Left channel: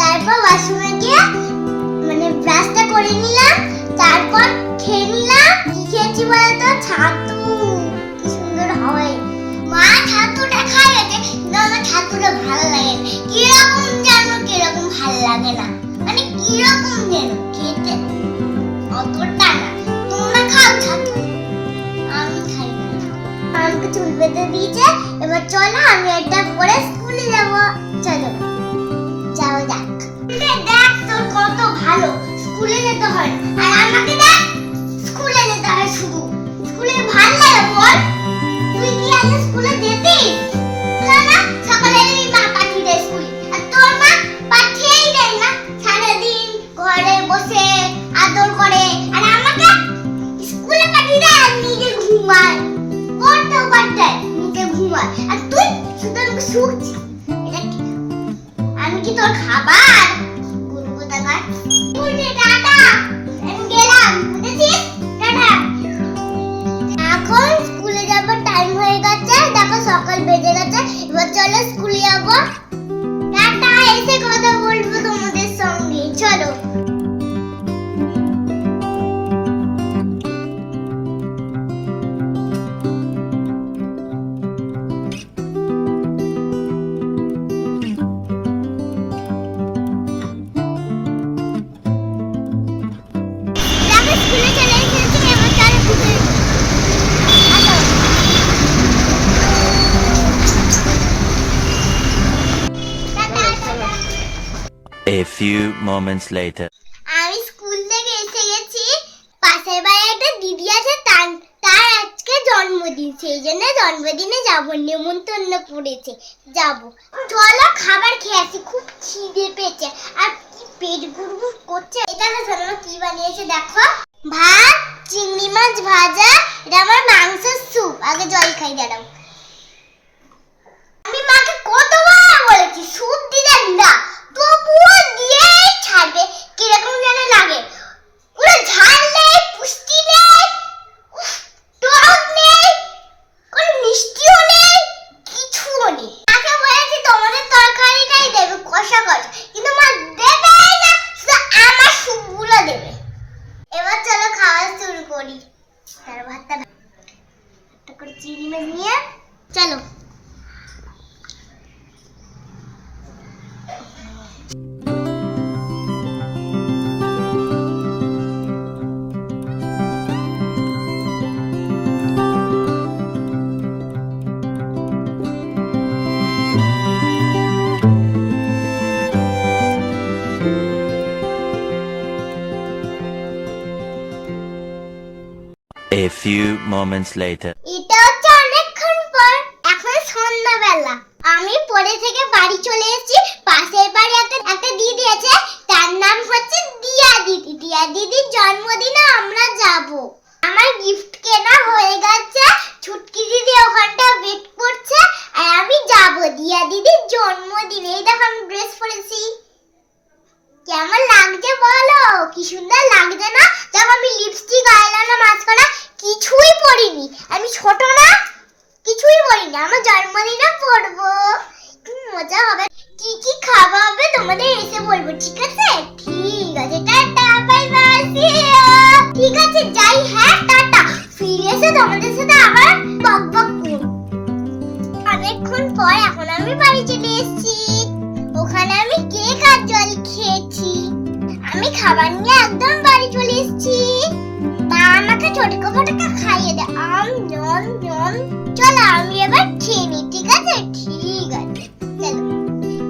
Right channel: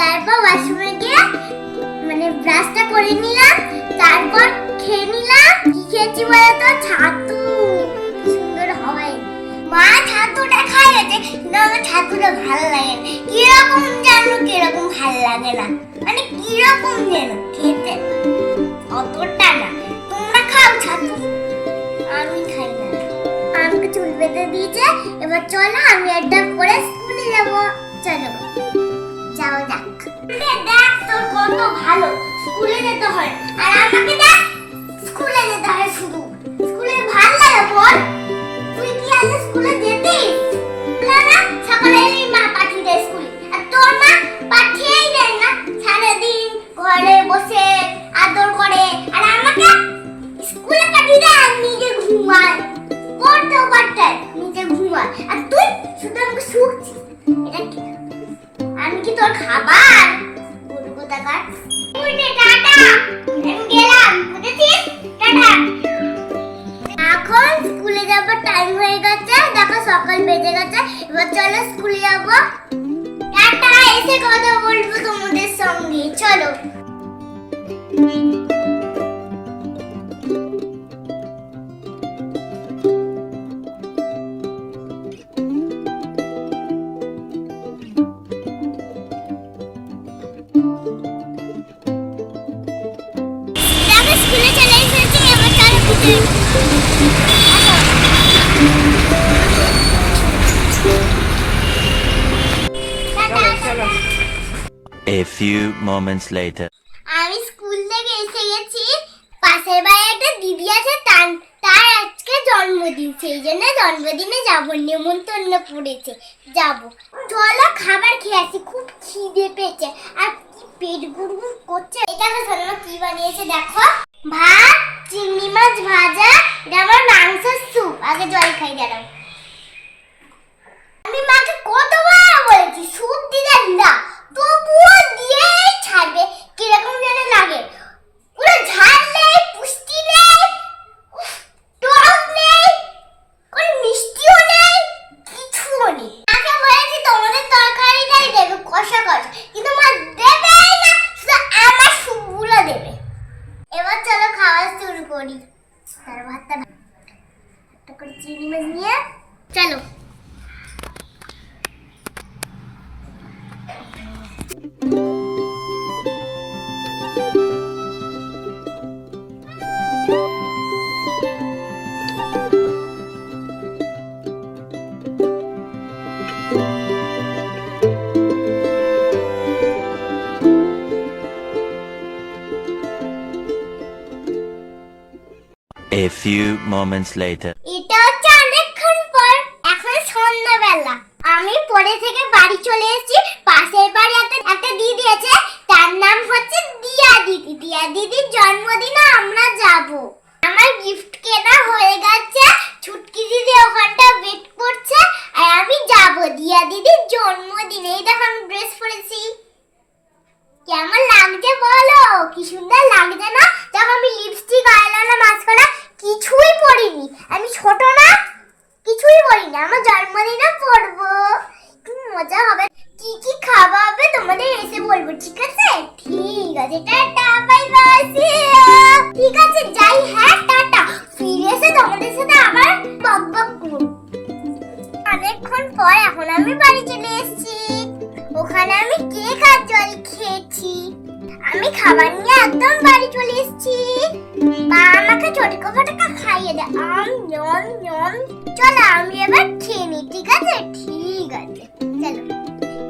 তারপর ওয়াশরুমে গিয়ে মানে ব্রাশটা করে নিলাম, তারপর খেয়ে নিলাম। কি খেয়েছি বলতো? ছাতু। কি সুন্দর হয়। মা ছাতুটা খাইয়েছে, কিন্তু আমার ছাতুটা ভালো লাগে না। কিরকম জানো, কিরকম ভালো লাগে না, মানে কিরকম যেন খেতে অতটা না। তোমরা খাও ছাতু, আমি খাই না। আমাকে চুল বেঁধে দিয়েছে, এবার চলো আমি একটা পরে স্কুলে যাবো। চলো যাও যাক। দেখ তোর কত ভালো, স্কুলে যেতে হয়, আর আমাকে দেখ স্কুলে যেতে হয় শুধু। স্কুলে ভালো লাগে বল? তুই কি আজ স্কুলে যেতিস না? সকালে মা পাঠিয়ে দেয় স্কুলে, আর তোর মা পাঠিয়েই দেয় না। সারাদিন ঘরে বসে আদর করে, আর আমাকে স্কুলে পাঠিয়ে দেয় আর নিজে ঘুমায়। পড়তেও পারতে নিজে ঘুমায়, আর তুই শুধু আমাকে শুকছিস। এটা কি? আমি কি তোর খাবার? বলবো টাকা। উঠে টাটা, আমি গেলাম। বুঝেছিস? টাটা। এখন স্কুলে যাবার টাইম হয়ে গেছে, দেখো সকাল বেজে গেছে। এবার চলো স্কুলে যাবো। টাটা, এসে কথা বলবো তোমাদের সঙ্গে। চলো। স্কুলে চলে এসেছি, এবার চলো ভিতরে। A few moments later. আমি স্কুল থেকে এসে গেছি। পাশের বাড়ির একটা দিদি আছে, তার আজকে জন্মদিন, সেই জন্য জন্মদিনে যাব, নেমন্তন্ন করেছে, যাব। চলো খাবার খেয়ে আসি, খুব খিদে পেয়েছে, আর কি পেট গুড়গুড় করছে। এটা শোনো কি বানিয়েছে দেখো। ভাত, চিংড়ি মাছ ভাজা, এটা আমার মাংসের স্যুপ। আগে জল খাই, দাঁড়াও। আমি মাকে কতবার বলেছি স্যুপ দিতে না, তবুও দিয়েই ছাড়বে। কিরকম যেন লাগে, পুরো ঝাল নেই, পুষ্টি নেই, টক নেই, কোনো মিষ্টিও নেই, কিছুও নেই। মাকে বলেছি তোমাদের তরকারিটাই দেবে কষা কষা, কিন্তু মা দেবেই না, শুধু আমার স্যুপগুলো দেবে। এবার চলো খাওয়া শুরু করি। তার ভাতটা একটা করে চিংড়ি মাছ নিয়ে চলো। A few moments later. এটা হচ্ছে অনেকক্ষণ পর, এখন সন্ধ্যাবেলা। আমি পড়ে থেকে বাড়ি চলে এসেছি। পাশের বাড়ি একটা দিদি আছে, তার নাম হচ্ছে দিয়া দিদি। দিয়া দিদির জন্মদিনে আমরা যাব। আমার গিফট কেনা হয়ে গেছে, ছুটকি দিদি ওখানটা ওয়েট করছে, আর আমি যাব দিয়া দিদির জন্মদিনে। এই দেখো আমি ড্রেস পরেছি, কেমন লাগছে বলো? কি সুন্দর লাগছে না? দেখো আমি লিপস্টিক, আইলাইনার, মাস্কারা কিছুই পরিনি। আমি ছোট না, কিছুই পরিনি। আমার জন্মদিনে পরবো, কি মজা হবে। কি কি খাওয়া হবে তোমাদের এসে বলবো, ঠিক আছে? ঠিক আছে, tata, bye bye, see you. ঠিক আছে যাই, হ্যাঁ টাটা। ফিরে এসে তোমাদের সাথে আবার বকবক করব। অনেকক্ষণ পর এখন আমি বাড়ি চলে এসেছি। ওখানে আমি কেক আর জল খেয়েছি। আমি খাবার নিয়ে একদম বাড়ি চলে এসেছি। মা আমাকে ছোটকা ফটকা খাইয়ে দেয়, নন নন। চলো আমি এবার খেয়ে নিই, ঠিক আছে? ঠিক আছে চলো।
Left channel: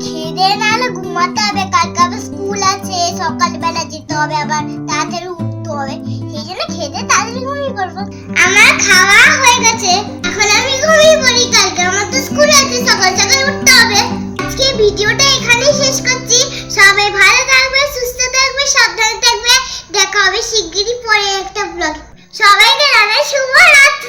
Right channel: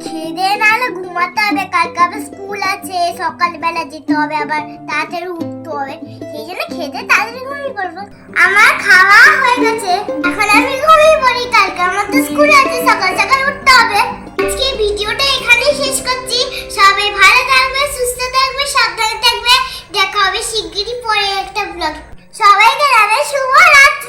খেয়ে নাহলে ঘুমাতে হবে, কালকে আবার স্কুল আছে, সকালবেলা যেতে হবে, আবার তাড়াতাড়ি উঠতে হবে। সেই জন্য খেতে তাড়াতাড়ি ঘুমিয়ে পড়বো। আমার খাওয়া হয়ে গেছে, এখন আমি ঘুমিয়ে পড়ি। কালকে আমার তো স্কুল আছে, সকাল সকাল উঠতে হবে। আজকে ভিডিওটা এখানেই শেষ করছি। সবাই ভালো থাকবে, সুস্থ থাকবে, সাবধানে থাকবে। দেখা হবে শিগগিরই পরে একটা ব্লগ। সবাইকে জানাই শুভ রাত্রি।